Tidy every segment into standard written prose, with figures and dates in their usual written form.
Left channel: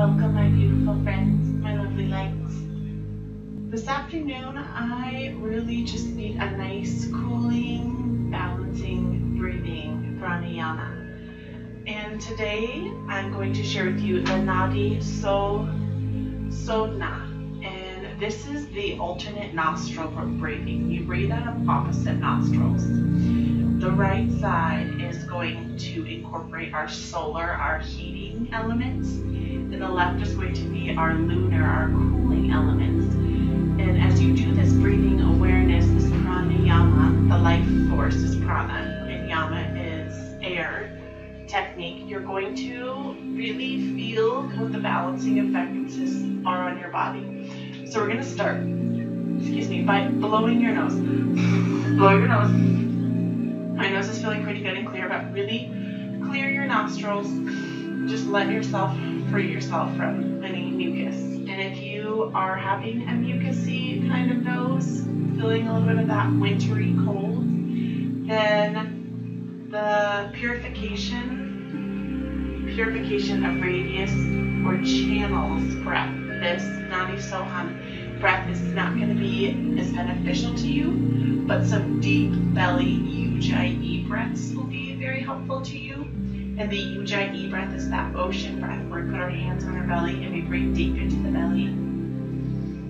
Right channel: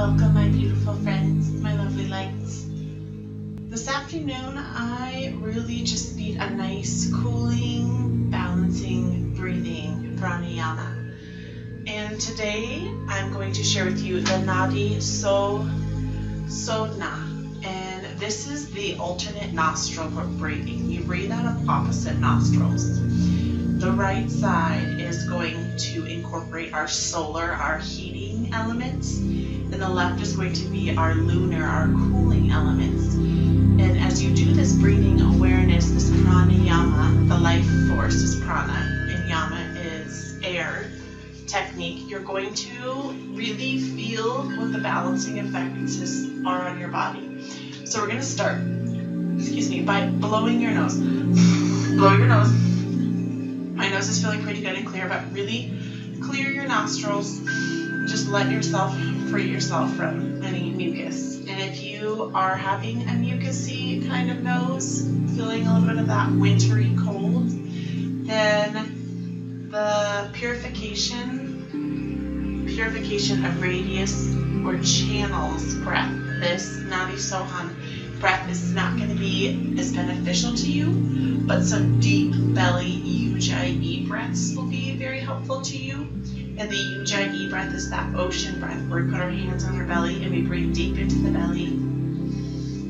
welcome my beautiful friends, my lovely lights. This afternoon I really just need a nice cooling, balancing, breathing pranayama. And today I'm going to share with you the Nadi Shodhana. And this is the alternate nostril breathing. You breathe out of opposite nostrils. The right side is going to incorporate our solar, our heating elements, and the left is going to be our lunar, our cooling elements. And as you do this breathing awareness, this pranayama, the life force is prana, and yama is air technique, you're going to really feel what the balancing effects are on your body. So we're going to start, by blowing your nose. Blow your nose. My nose is feeling pretty good and clear, but really clear your nostrils. Just let yourself free yourself from any mucus. And if you are having a mucusy kind of nose, feeling a little bit of that wintry cold, then the purification of radius or channels breath, this Nadi Shodhana breath is not going to be as beneficial to you, but some deep belly Ujjayi breaths will be very helpful to you. And the Ujjayi breath is that ocean breath where we put our hands on our belly and we breathe deep into the belly.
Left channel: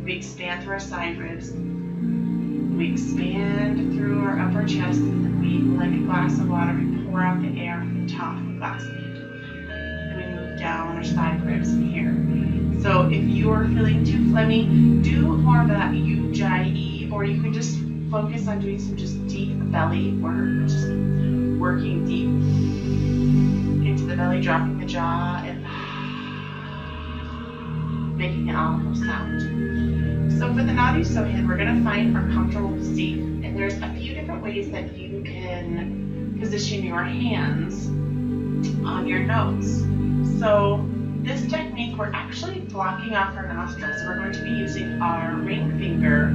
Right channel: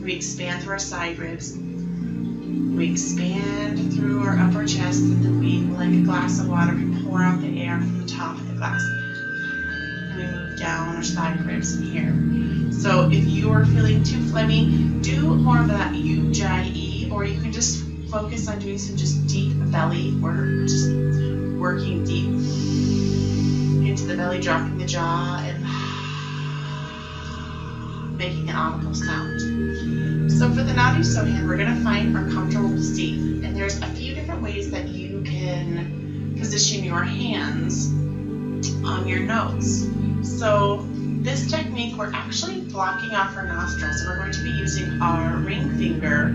We expand through our side ribs. We expand through our upper chest, and then we, like a glass of water, we pour out the air from the top of the glass. And we move down our side ribs in here. So if you are feeling too phlegmy, do more of that Ujjayi, or you can just focus on doing some just deep belly work, just working deep into the belly, dropping the jaw, and making an audible sound. So for the Nadi Shodhana, we're going to find our comfortable seat, and there's a few different ways that you can position your hands on your nose. So this technique, we're actually blocking off our nostrils. So we're going to be using our ring finger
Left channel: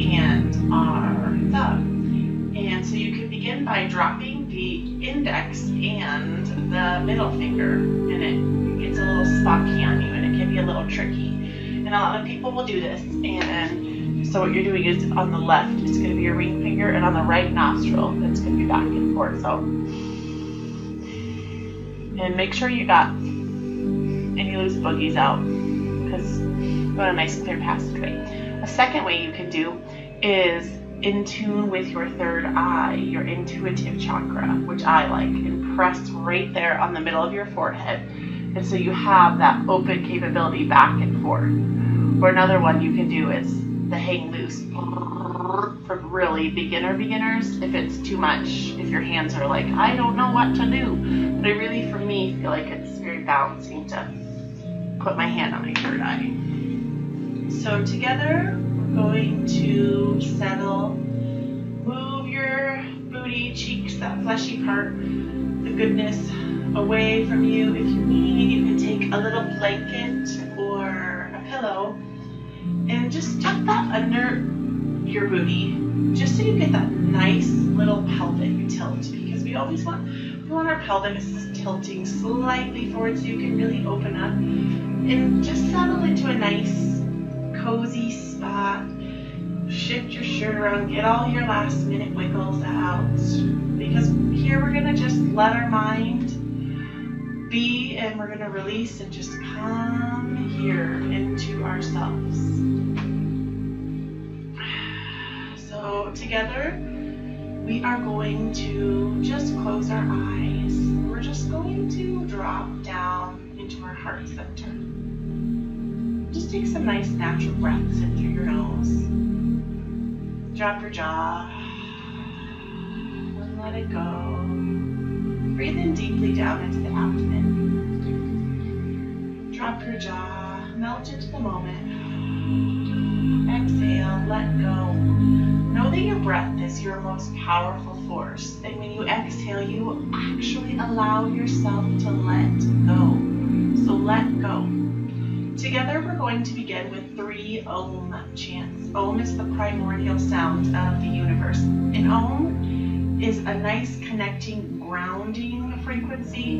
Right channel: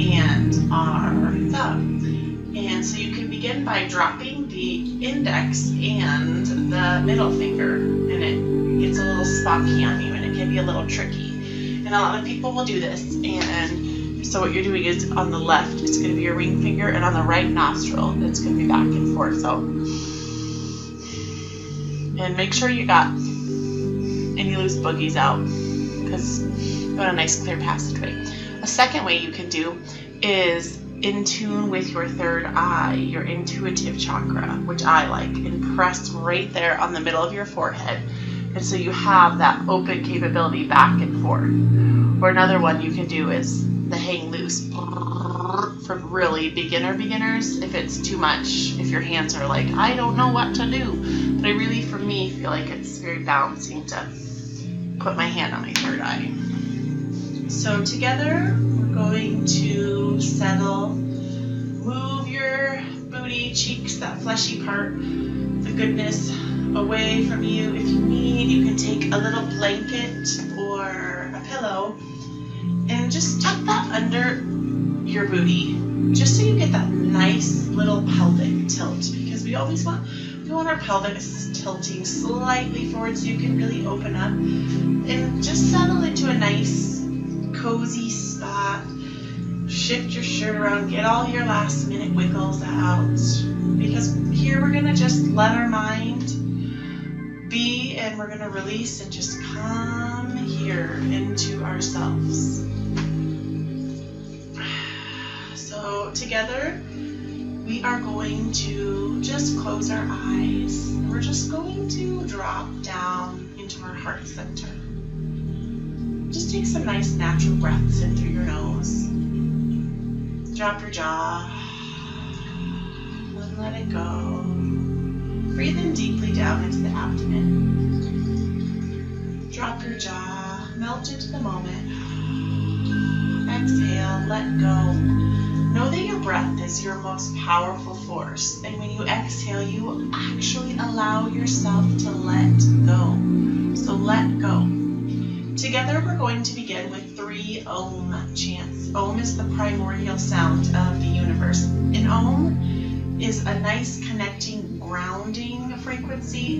and our thumb. And so you can begin by dropping the index and the middle finger, and it gets a little spunky on you, and it can be a little tricky. And a lot of people will do this. And so what you're doing is on the left, it's going to be your ring finger, and on the right nostril, it's going to be back and forth. So, and make sure you got any loose boogies out, because you want a nice clear passageway. A second way you can do is in tune with your third eye, your intuitive chakra, which I like, and press right there on the middle of your forehead. And so you have that open capability back and forth. Or another one you can do is the hang loose for really beginners. If it's too much, if your hands are like, I don't know what to do. But I really, for me, feel like it's very balancing to put my hand on my third eye. So together, we're going to settle, move your booty, cheeks, that fleshy part, the goodness away from you. If you need, you can take a little blanket or a pillow and just tuck that under your booty, just so you get that nice little pelvic tilt, because we always want our pelvic tilting slightly forward so you can really open up and just settle into a nice cozy spot. Shift your shirt around, get all your last minute wiggles out, because here we're going to just let our mind be, and we're going to release and just come here into ourselves. So together we are going to just close our eyes, and we're just going to drop down into our heart center. Just take some nice natural breaths in through your nose. Drop your jaw and let it go. Breathe in deeply down into the abdomen. Drop your jaw, melt into the moment. Exhale, let go. Know that your breath is your most powerful force, and when you exhale, you actually allow yourself to let go. So let go. Together, we're going to begin with 3 Om chants. Om is the primordial sound of the universe. And Om is a nice connecting, grounding frequency.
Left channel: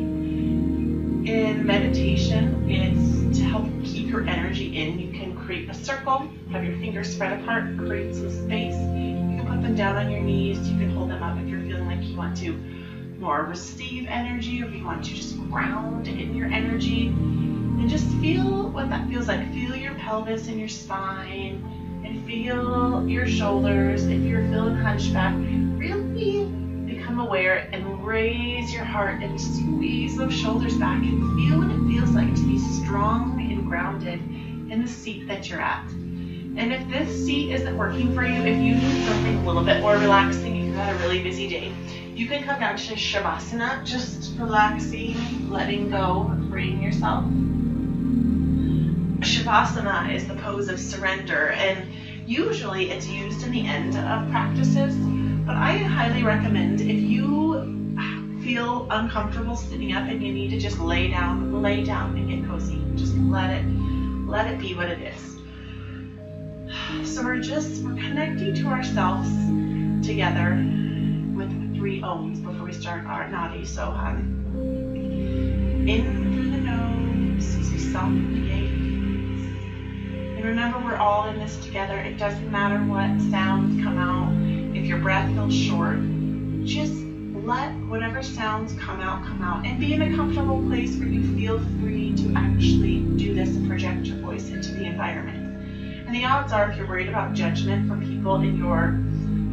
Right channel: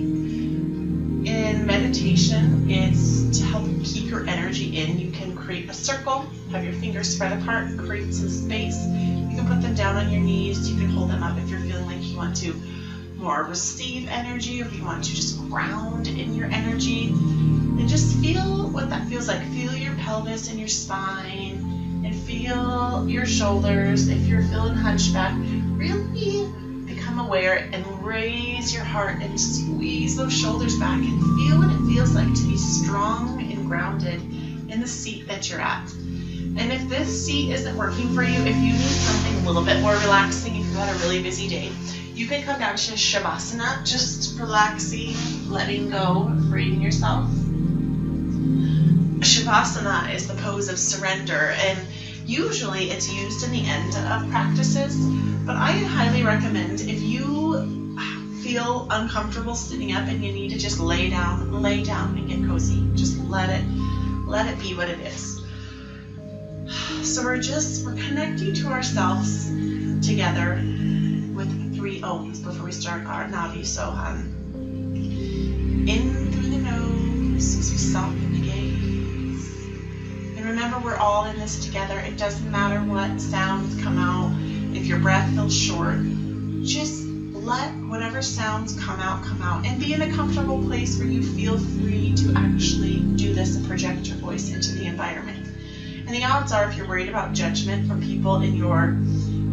In meditation, it's to help keep your energy in. You can create a circle, have your fingers spread apart, create some space. You can put them down on your knees. You can hold them up if you're feeling like you want to more receive energy, or if you want to just ground in your energy. And just feel what that feels like. Feel your pelvis and your spine, and feel your shoulders. If you're feeling hunchback, really become aware and raise your heart and squeeze those shoulders back and feel what it feels like to be strong and grounded in the seat that you're at. And if this seat isn't working for you, if you need something a little bit more relaxing, if you've had a really busy day, you can come down to Shavasana, just relaxing, letting go, freeing yourself. Shavasana is the pose of surrender, and usually it's used in the end of practices, but I highly recommend, if you feel uncomfortable sitting up and you need to just lay down and get cozy. Just let it be what it is. So we're connecting to ourselves together with 3 ohms before we start our Nadi. So in through the nose as we soften the gaze. And remember, we're all in this together. It doesn't matter what sounds come out. If your breath feels short, just let whatever sounds come out, and be in a comfortable place where you feel free to actually do this and project your voice into the environment. And the odds are, if you're worried about judgment from people in your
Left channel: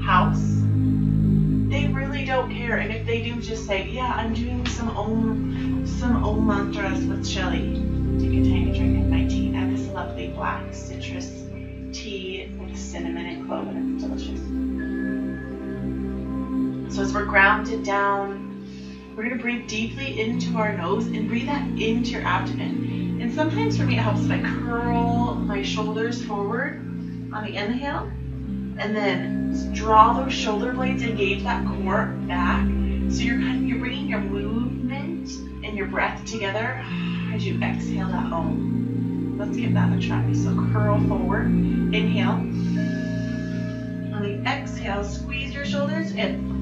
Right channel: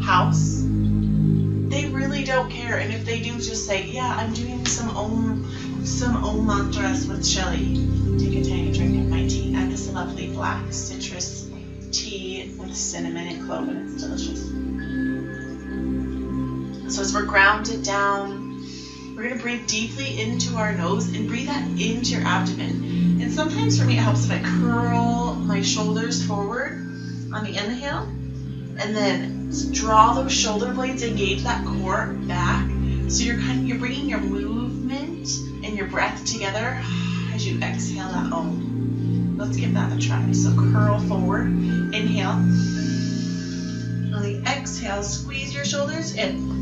house, they really don't care. And if they do, just say, yeah, I'm doing some Om mantras with Shelly. Take a tiny drink of my tea. And this lovely black citrus tea with cinnamon and clove, and it's delicious. So as we're grounded down, we're going to breathe deeply into our nose and breathe that into your abdomen. And sometimes for me, it helps if I curl my shoulders forward on the inhale, and then draw those shoulder blades, engage that core back. So you're bringing your movement and your breath together as you exhale that Om. Let's give that a try. So curl forward, inhale. On the exhale, squeeze your shoulders in.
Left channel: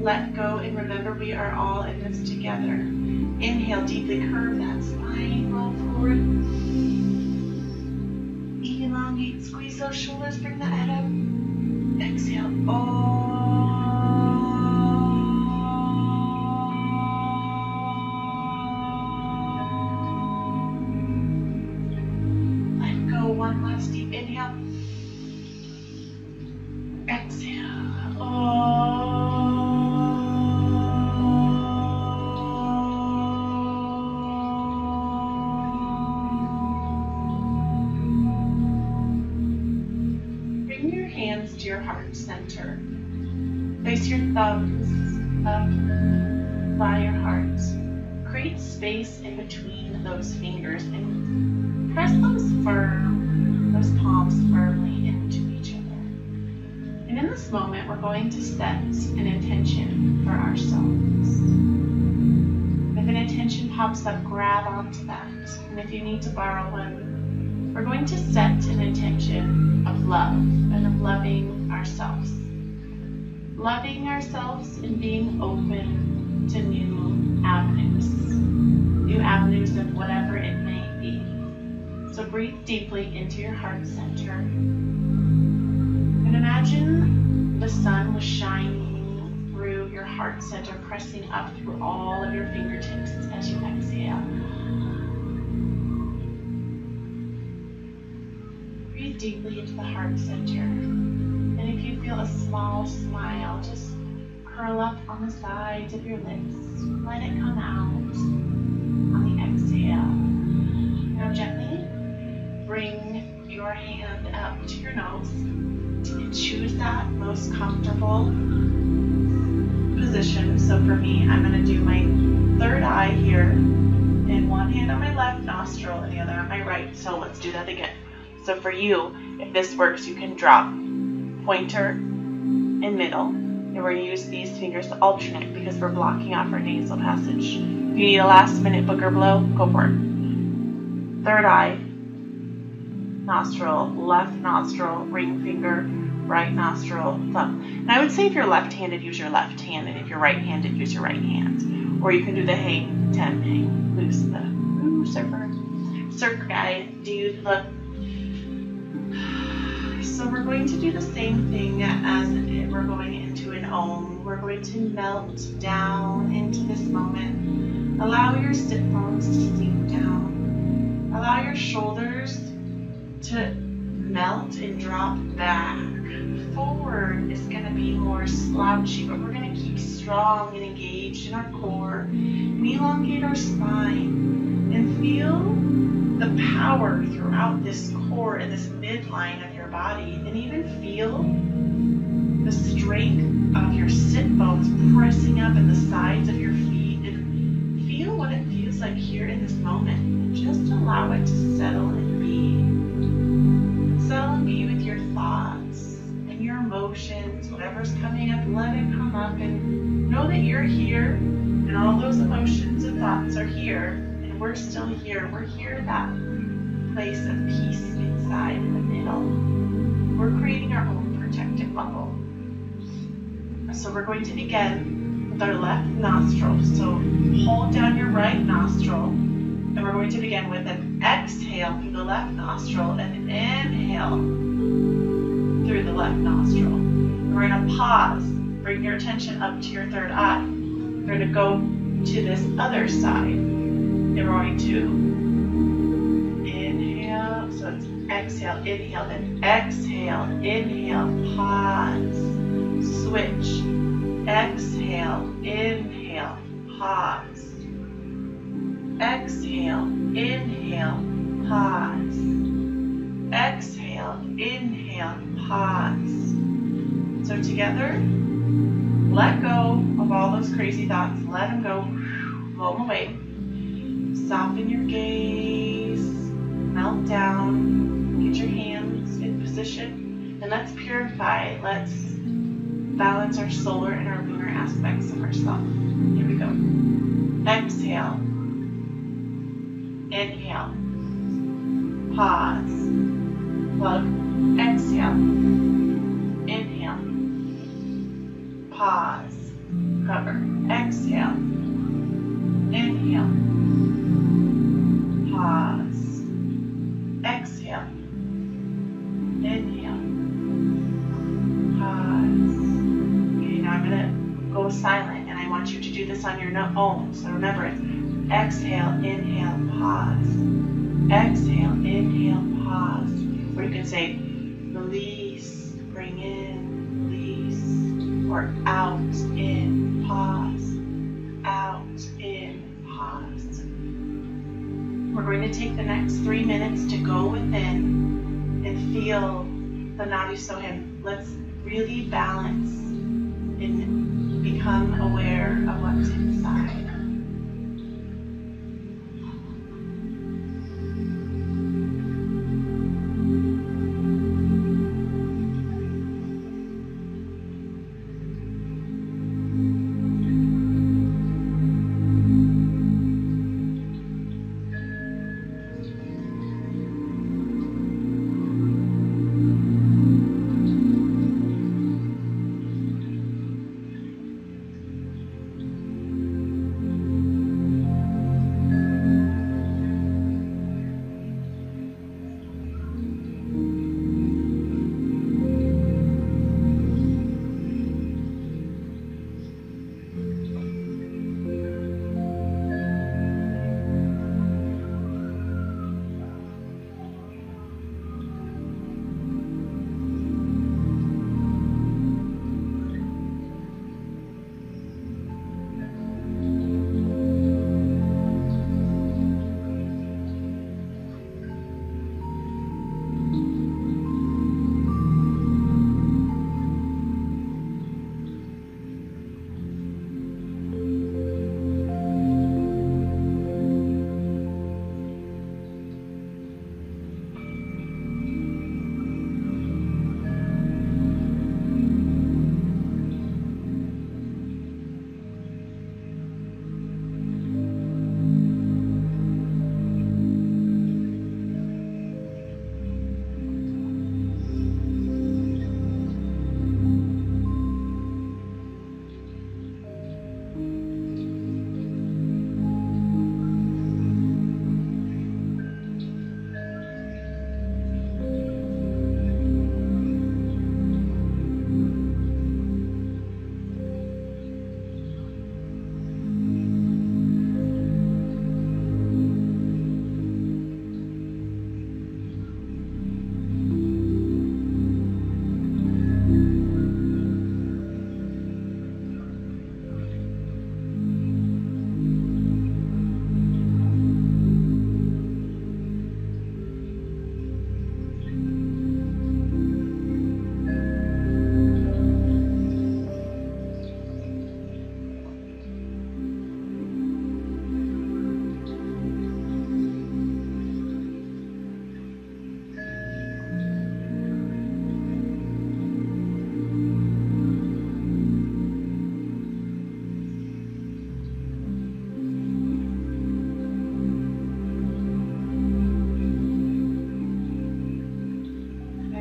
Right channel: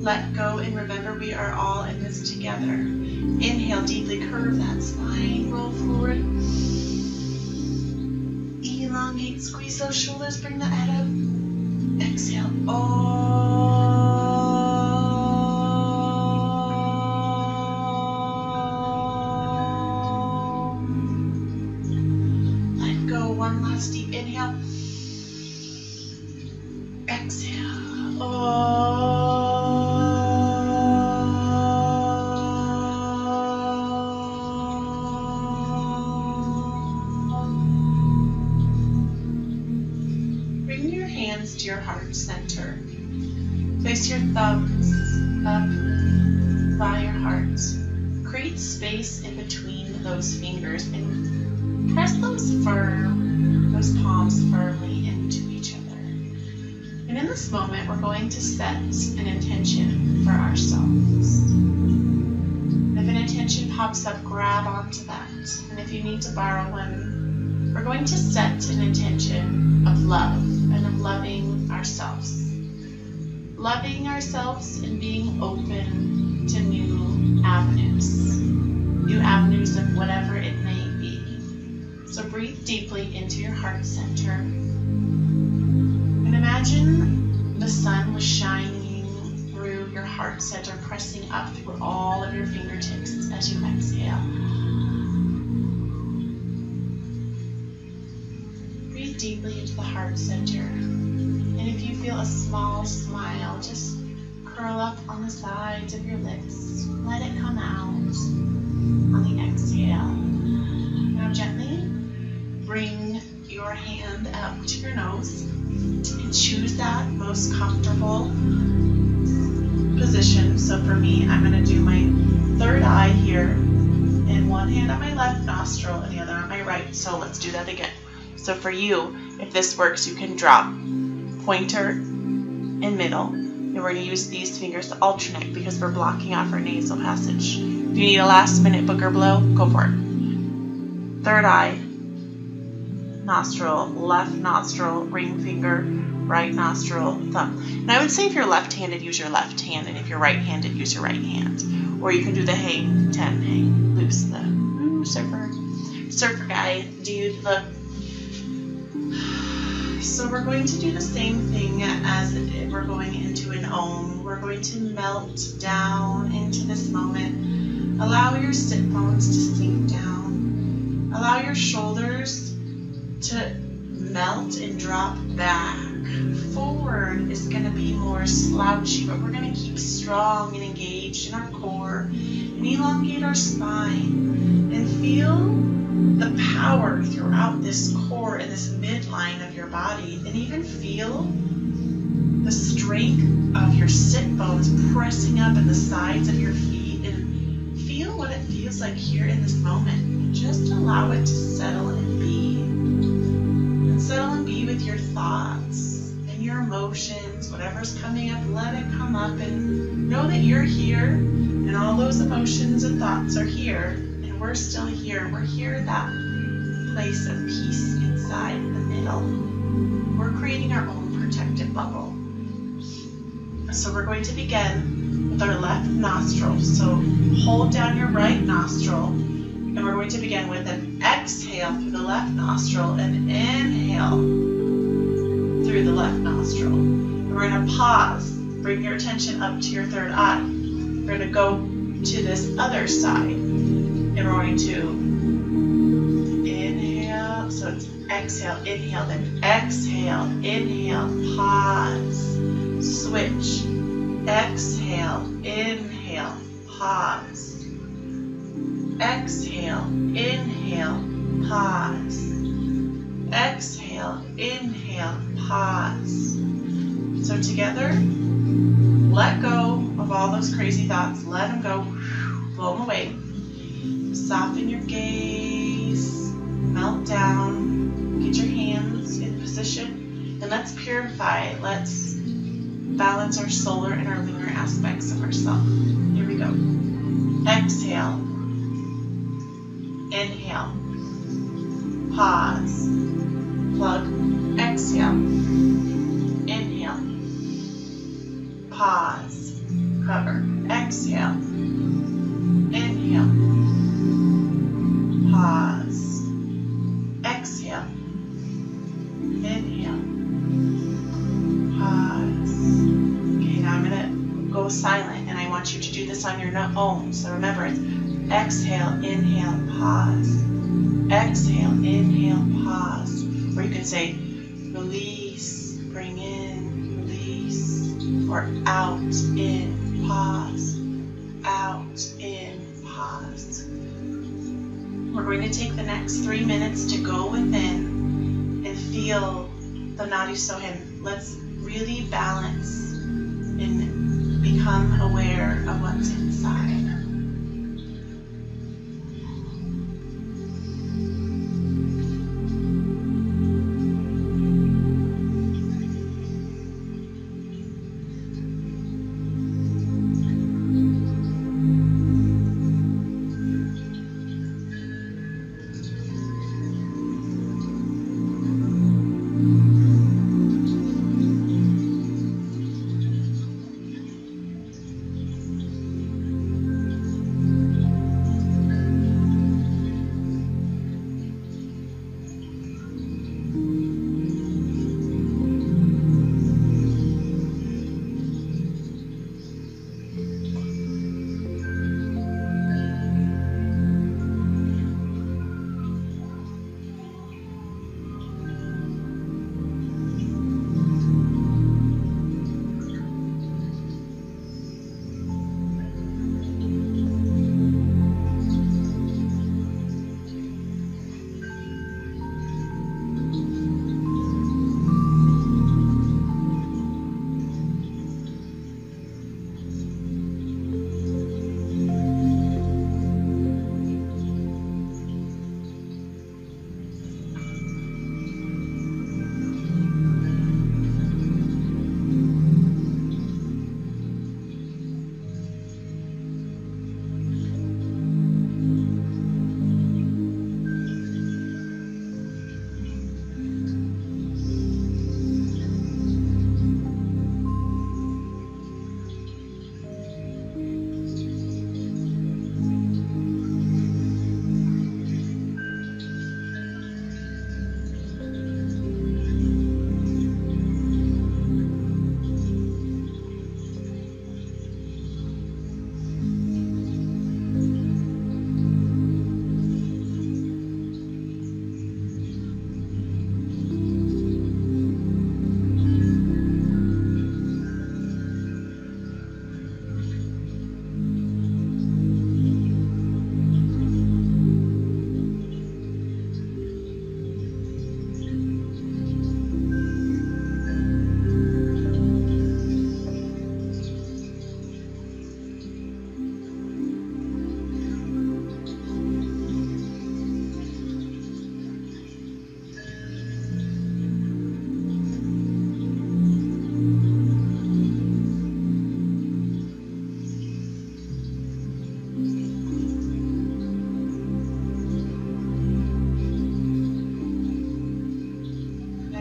Let go, and remember, we are all in this together. Inhale deeply, curve that spine, roll forward. Elongate, squeeze those shoulders, bring that head up. Exhale. Let go, one last deep inhale. Exhale. To your heart center. Place your thumbs up by your heart. Create space in between those fingers and press those palms firmly into each other. And in this moment, we're going to set an intention for ourselves. If an intention pops up, grab onto that. And if you need to borrow one, we're going to set an intention of love and of loving ourselves. Loving ourselves and being open to new avenues of whatever it may be. So breathe deeply into your heart center. And imagine the sun was shining through your heart center, pressing up through all of your fingertips as you exhale. Breathe deeply into the heart center. And if you feel a small smile, just curl up on the sides of your lips. Let it come out on the exhale. Now gently bring your hand up to your nose and choose that most comfortable position. So for me, I'm going to do my third eye here, and one hand on my left nostril and the other on my right. So let's do that again. So for you, if this works, you can drop pointer and middle. And we're going to use these fingers to alternate because we're blocking off our nasal passage. If you need a last minute booger blow, go for it. third eye, nostril, left nostril, ring finger, right nostril, thumb. And I would say if you're left-handed, use your left hand, and if you're right-handed, use your right hand. Or you can do the hang 10, hang loose, the surfer guy, dude, look. So we're going to do the same thing as if we're going into an Om. We're going to melt down into this moment. Allow your sit bones to sink down. Allow your shoulders to melt and drop back. Forward is going to be more slouchy, but we're going to keep strong and engaged in our core and elongate our spine and feel the power throughout this core and this midline of your body, and even feel the strength of your sit bones pressing up in the sides of your feet, and feel what it feels like here in this moment, and just allow it to settle and be. And settle and be with your thoughts and your emotions. Whatever's coming up, let it come up, and know that you're here and all those emotions and thoughts are here. We're still here. We're here at that place of peace inside in the middle. We're creating our own protective bubble. So we're going to begin with our left nostril. So hold down your right nostril, and we're going to begin with an exhale through the left nostril and inhale through the left nostril. And we're going to pause. Bring your attention up to your third eye. We're going to go to this other side. And we're going to inhale, so it's exhale, inhale, then exhale, inhale, pause, switch, exhale, inhale, pause, exhale, inhale, pause, exhale, inhale, pause. So together, let go of all those crazy thoughts, let them go, blow them away. Soften your gaze, melt down, get your hands in position, and let's purify. Let's balance our solar and our lunar aspects of ourselves. Here we go. Exhale, inhale, pause, plug, exhale, inhale, pause, cover, exhale, inhale, pause, exhale, inhale, pause. Okay, now I'm going to go silent, and I want you to do this on your own. So remember, it's exhale, inhale, pause, exhale, inhale, pause. Or you can say release, bring in, release, or out, in, pause, out, in, pause. We're going to take the next 3 minutes to go within and feel the Nadi Soham. Let's really balance and become aware of what's inside.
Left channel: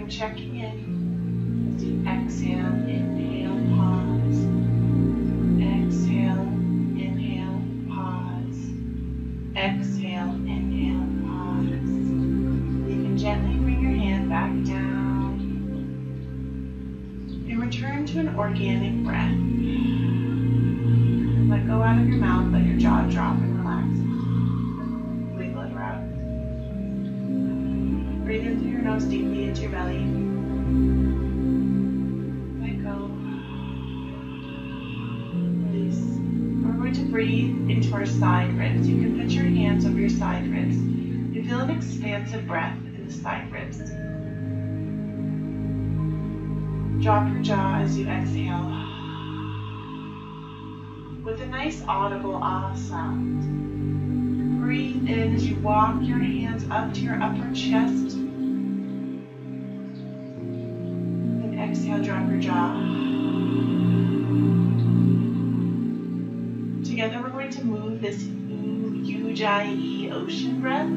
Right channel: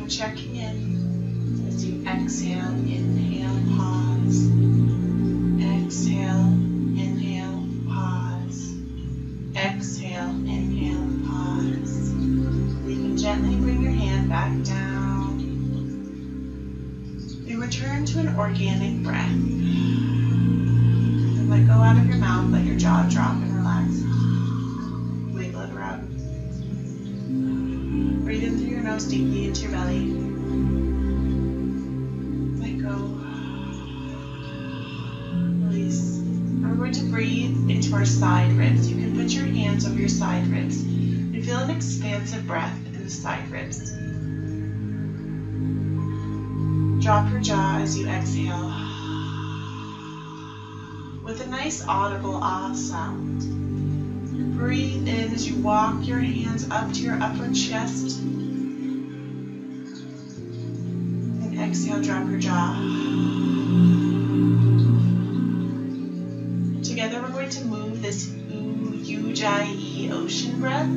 checking in as you exhale, inhale, pause. Exhale, inhale, pause. Exhale, inhale, pause. You can gently bring your hand back down and return to an organic breath. And let go out of your mouth, let your jaw drop and relax. Wiggle it around. Breathe in through your nose deeply into your belly. Let go. Release. And we're going to breathe into our side ribs. You can put your hands over your side ribs and feel an expansive breath in the side ribs. Drop your jaw as you exhale with a nice audible ah sound. Breathe in as you walk your hands up to your upper chest. And exhale, drop your jaw. Together we're going to move this Ujjayi ocean breath.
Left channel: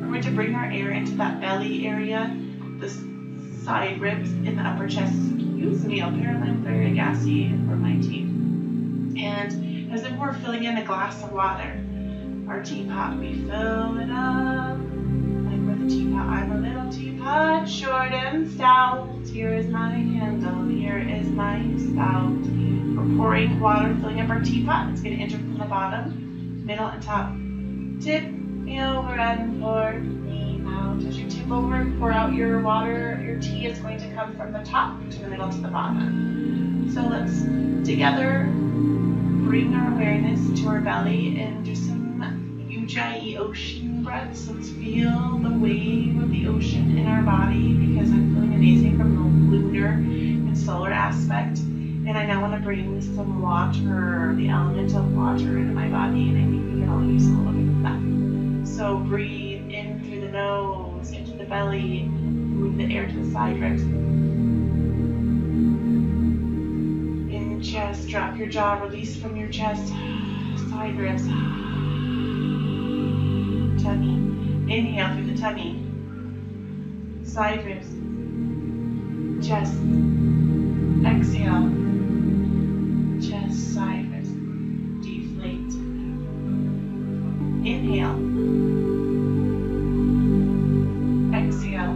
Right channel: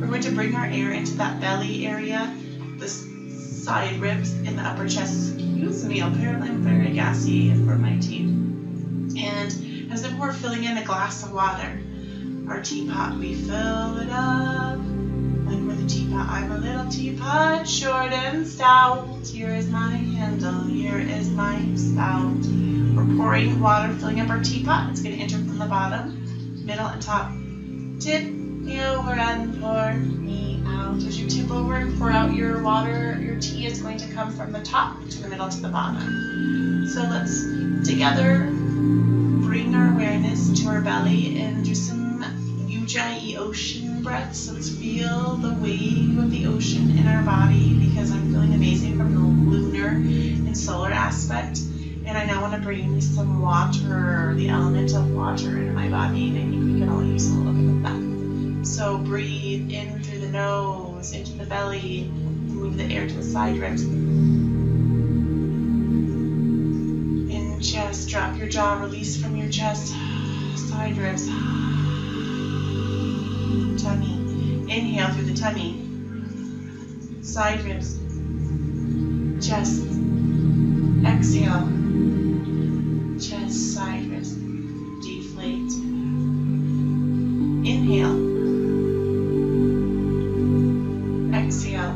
We're going to bring our air into that belly area, the side ribs, in the upper chest. Excuse me, apparently I'm very gassy for my tea. And as if we're filling in a glass of water, our teapot, we fill it up like with a teapot. I'm a little teapot, short and stout. Here is my handle, here is my spout. We're pouring water, filling up our teapot. It's going to enter from the bottom, middle, and top. Tip me over and pour me out. As you tip over and pour out your water, your tea is going to come from the top to the middle to the bottom. So let's together bring our awareness to our belly and do some Ujjayi ocean breaths. Let's feel the wave of the ocean in our body because I'm feeling amazing from the lunar and solar aspect. And I now want to bring some water, the element of water, into my body, and I think we can all use a little bit of that. So breathe in through the nose, into the belly, move the air to the side ribs. In chest, drop your jaw, release from your chest, side ribs, tummy. Inhale through the tummy, side ribs, chest. Exhale, chest, side ribs, deflate. Inhale, exhale.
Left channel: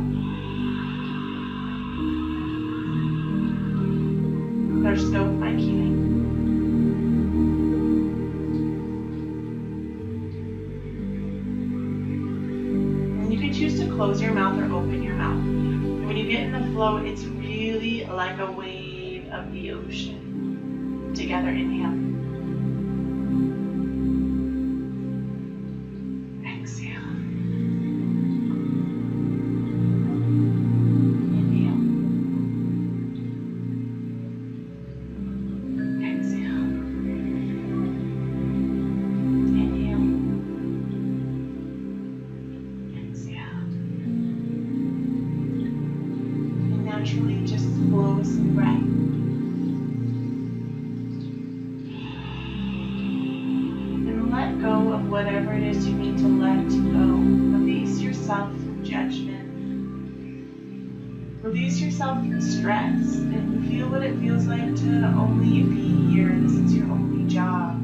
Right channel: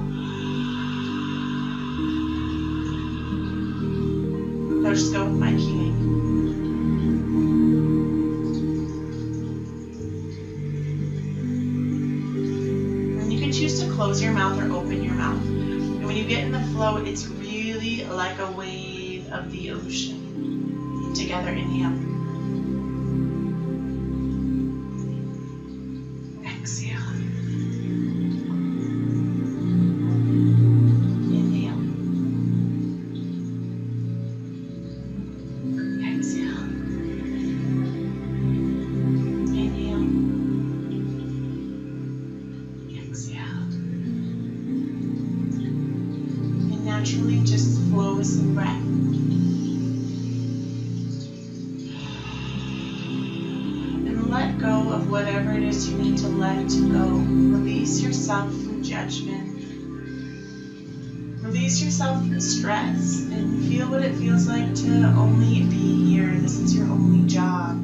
Now just go with my cueing. And you can choose to close your mouth or open your mouth. And when you get in the flow, it's really like a wave of the ocean. Together, inhale. Exhale. Inhale. Exhale. Inhale. Exhale. And naturally just flow with some breath. Let go of whatever it is you need to let go. Release yourself from judgment. Release yourself from stress and feel what it feels like to only be here. This is your only job.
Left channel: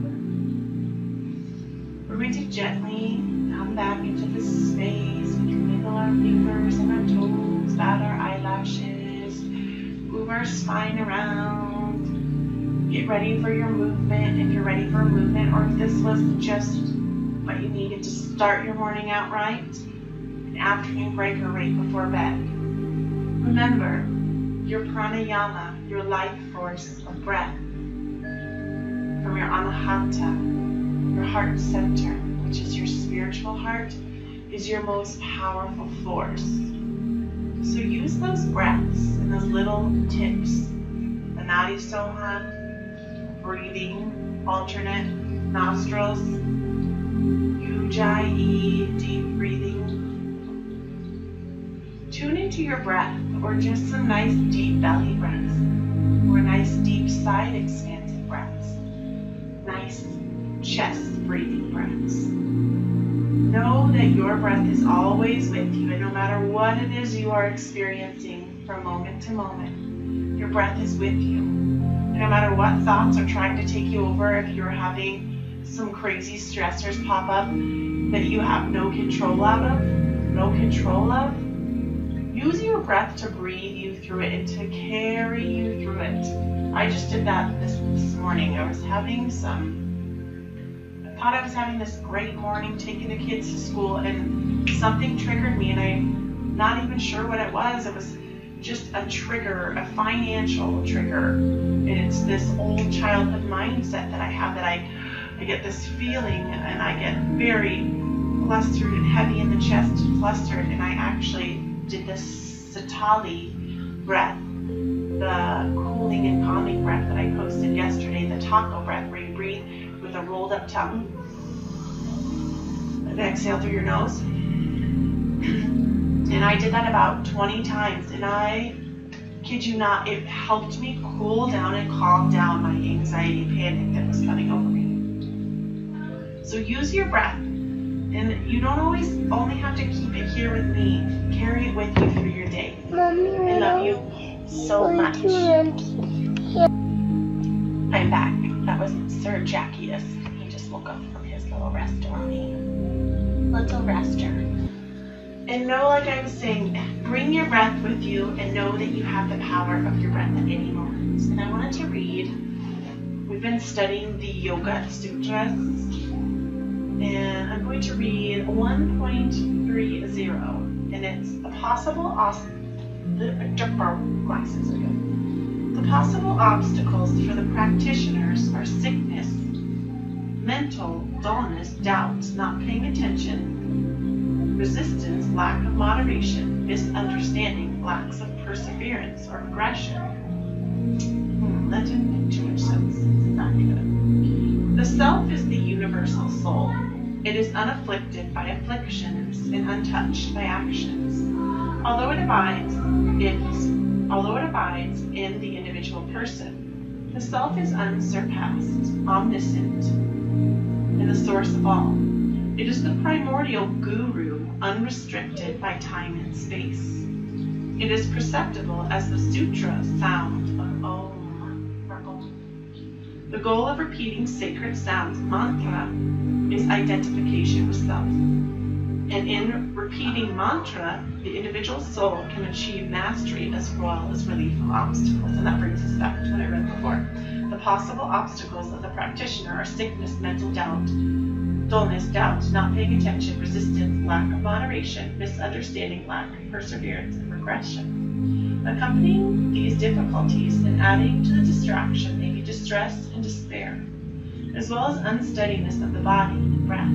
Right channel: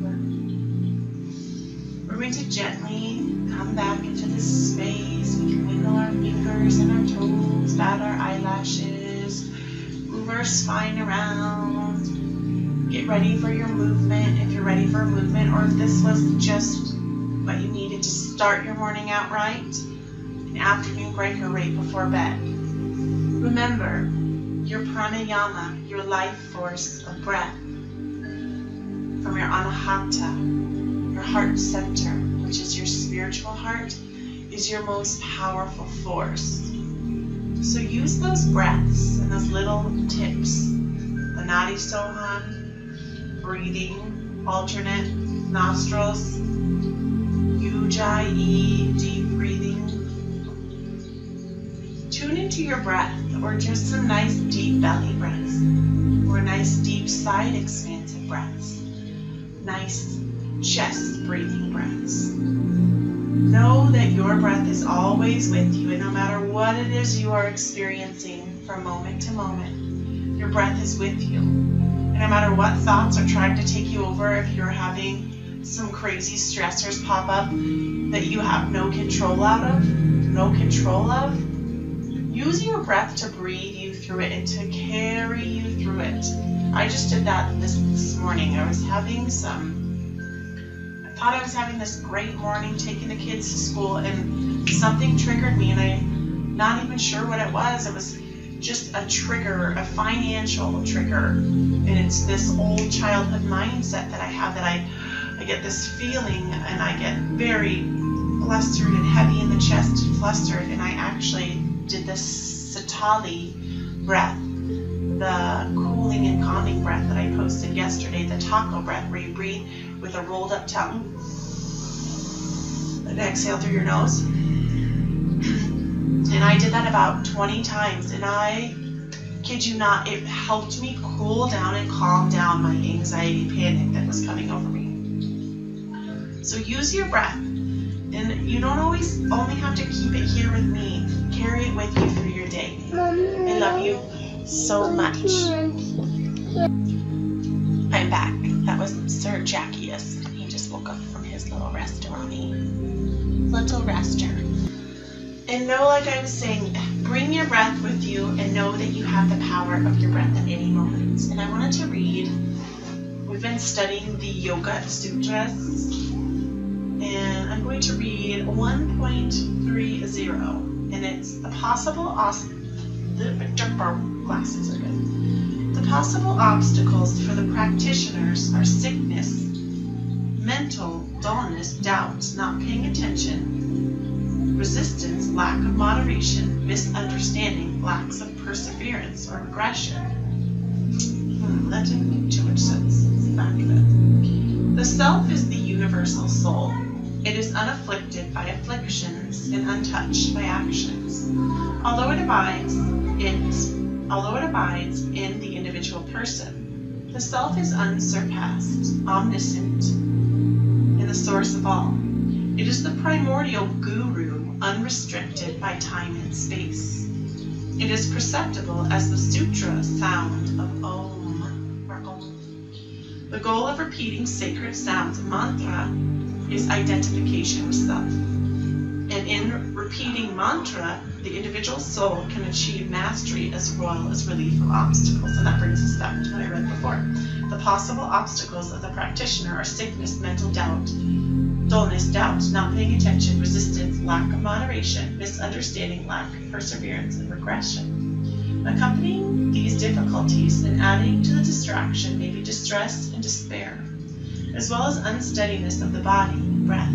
We're going to gently come back into this space. We can wiggle our fingers and our toes, bat our eyelashes, move our spine around. Get ready for your movement if you're ready for a movement, or if this was just what you needed to start your morning out right, an afternoon break or right before bed. Remember, your pranayama, your life force of breath, from your anahata, your heart center, which is your spiritual heart, is your most powerful force. So use those breaths and those little tips, the Nadi Sohan, breathing, alternate nostrils, Ujjayi, deep breathing. Tune into your breath, or just some nice deep belly breaths, or nice deep side expansive breaths, nice chest breathing breaths. Know that your breath is always with you, and no matter what it is you are experiencing from moment to moment, your breath is with you. And no matter what thoughts are trying to take you over, if you're having some crazy stressors pop up that you have no control of, use your breath to breathe you through it and to carry you through it. I just did that this morning. I thought I was having this great morning taking the kids to school, and something triggered me, and I'm not even sure what it was. It was just a trigger, a financial trigger. And it's this old childhood mindset that I have, that I get this feeling and I get very flustered and heavy in the chest and flustered. And I actually did this Satali breath, the cooling and calming breath that I posted yesterday, the taco breath, where you breathe with a rolled up tongue and exhale through your nose. And I did that about 20 times, and I kid you not, it helped me cool down and calm down my anxiety panic that was coming over me. So use your breath, and you don't always only have to keep it here with me. Carry it with you through your day. I love you so much. I'm back. That was Sir Jackius. He just woke up from his little rester. And know, like I was saying, bring your breath with you and know that you have the power of your breath at any moment. And I wanted to read, we've been studying the Yoga Sutras, and I'm going to read 1.30, and it's the possible glasses are good. The possible obstacles for the practitioners are sickness, mental dullness, doubt, not paying attention, resistance, lack of moderation, misunderstanding, lacks of perseverance or regression. That didn't make too much sense. Back of it. The self is the universal soul. It is unafflicted by afflictions and untouched by actions. Although it abides in the individual person, the self is unsurpassed, omniscient, and the source of all. It is the primordial guru, unrestricted by time and space. It is perceptible as the sutra sound of Om, or Om. The goal of repeating sacred sounds, mantra, is identification with self. And in repeating mantra, the individual soul can achieve mastery as well as relief of obstacles. And that brings us back to what I read before. The possible obstacles of the practitioner are sickness, mental doubt, dullness, doubt, not paying attention, resistance, lack of moderation, misunderstanding, lack of perseverance, and regression. Accompanying these difficulties and adding to the distraction may be distress and despair, as well as unsteadiness of the body and breath.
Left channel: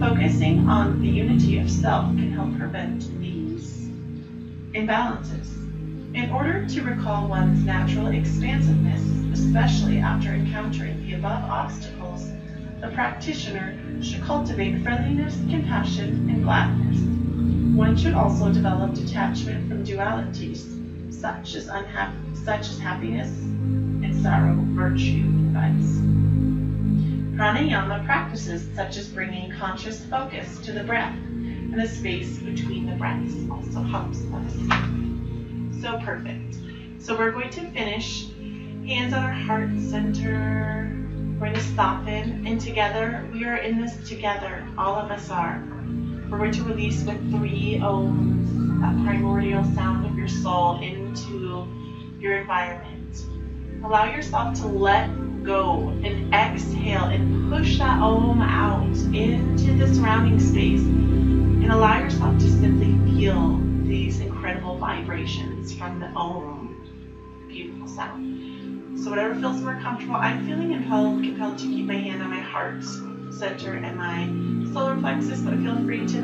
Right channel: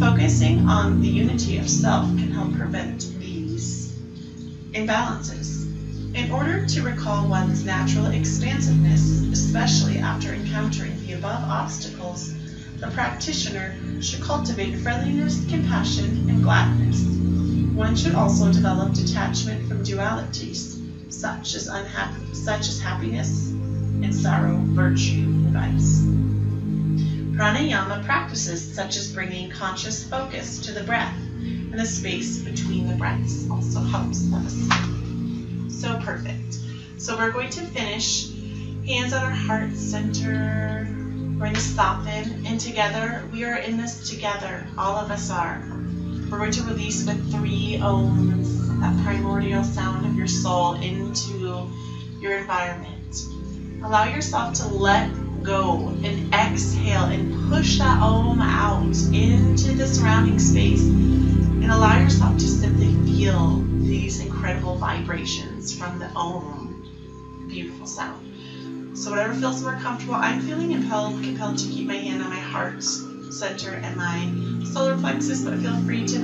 Focusing on the unity of self can help prevent these imbalances. In order to recall one's natural expansiveness, especially after encountering the above obstacles, the practitioner should cultivate friendliness, compassion, and gladness. One should also develop detachment from dualities, such as happiness and sorrow, virtue and vice. Pranayama practices such as bringing conscious focus to the breath and the space between the breaths also helps us. So perfect. So we're going to finish hands on our heart center. We're going to soften, and together, we are in this together. All of us are. We're going to release with 3 ohms, that primordial sound of your soul, into your environment. Allow yourself to let go and exhale and push that ohm out into the surrounding space, and allow yourself to simply feel these incredible vibrations from the ohm. Beautiful sound. So whatever feels more comfortable, I'm feeling compelled to keep my hand on my heart center and my solar plexus, but feel free to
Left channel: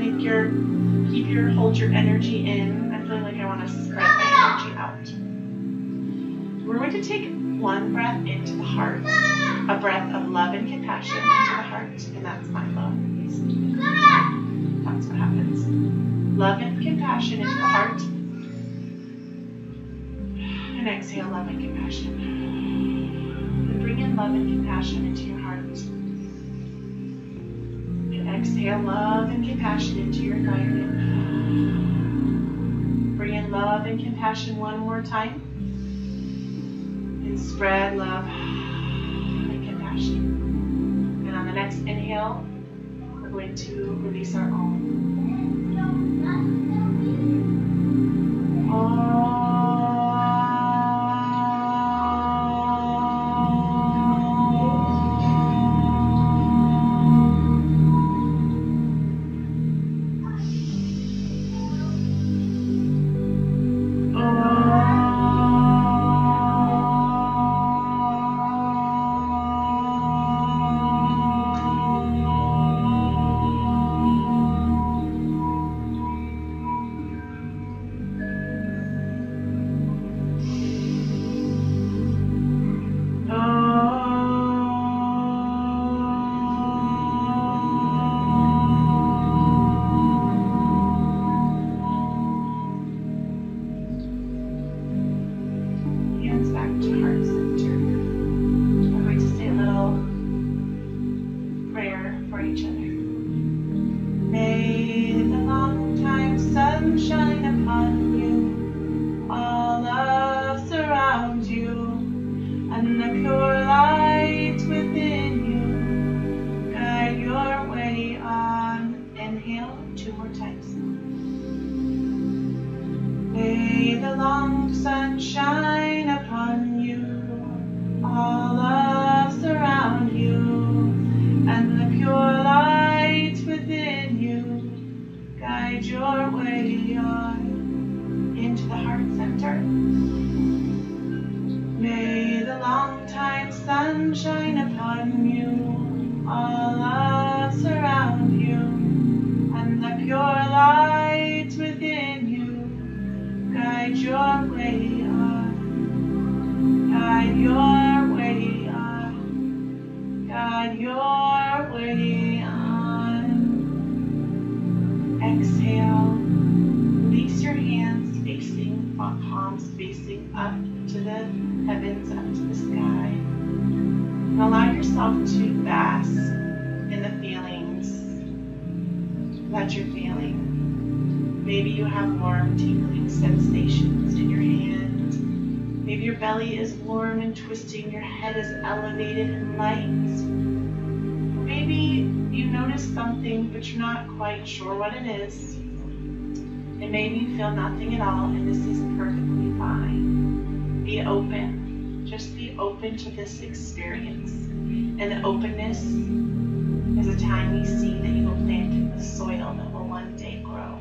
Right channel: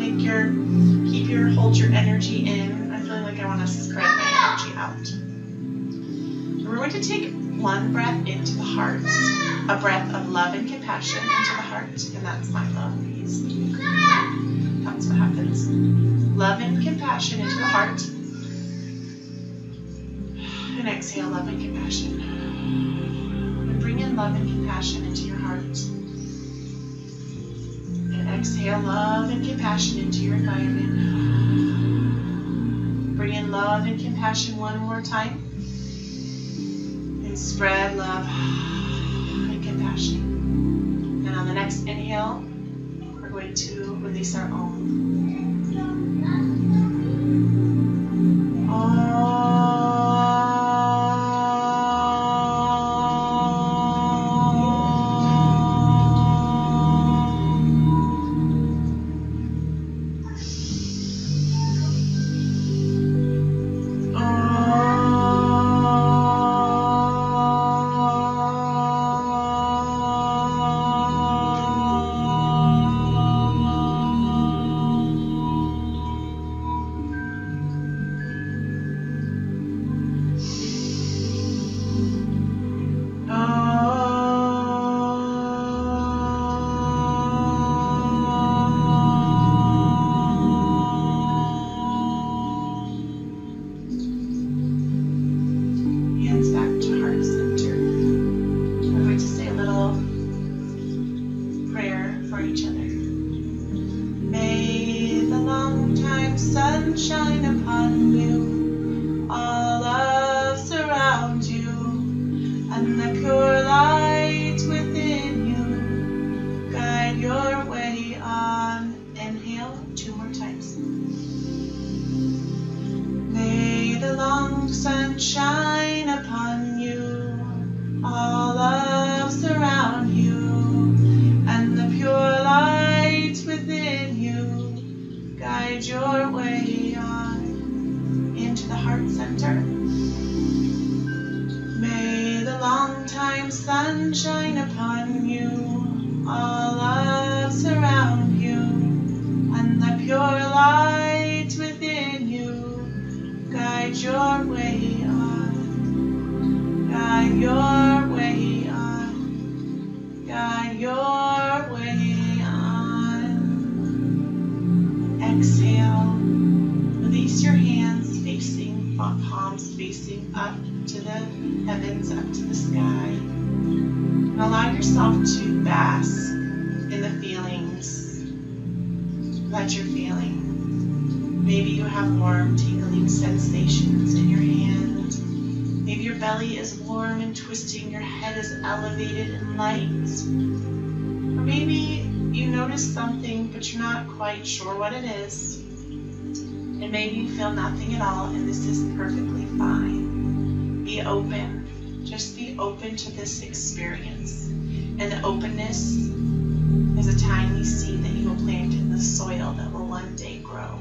hold your energy in. I'm feeling like I want to spread my energy out. We're going to take one breath into the heart, a breath of love and compassion into the heart, and that's my love. That's what happens. Love and compassion into the heart, and exhale love and compassion. And bring in love and compassion into your heart. And exhale love and compassion into your environment. Bring in love and compassion one more time. And spread love and compassion. And on the next inhale, we're going to release our own. Sunshine upon you, all love surround you, and the pure light within you guide your way on, guide your way on, guide your way on. Exhale, release your hands facing, palms facing up to the heavens, up to the sky. And allow yourself to bask in the feelings that you're feeling. Maybe you have warm, tingling sensations in your hand. Maybe your belly is warm and twisting, your head is elevated and light. Or maybe you notice something, but you're not quite sure what it is. And maybe you feel nothing at all, and this is perfectly fine. Be open. Just be open to this experience. And the openness is a tiny seed that you will plant in the soil that will one day grow.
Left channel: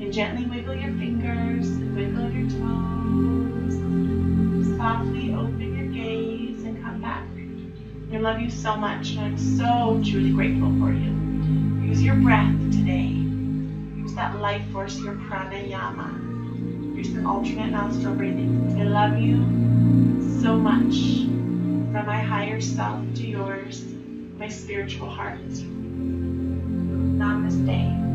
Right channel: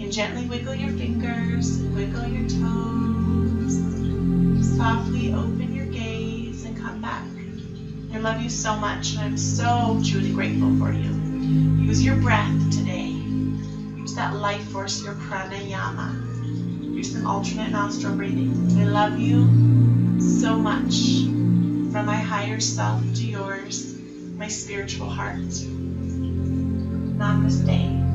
And gently wiggle your fingers and wiggle your toes. Softly open your gaze and come back. I love you so much, and I'm so truly grateful for you. Use your breath today. Use that life force, your pranayama. Use some alternate nostril breathing. I love you so much. From my higher self to yours, my spiritual heart. Namaste.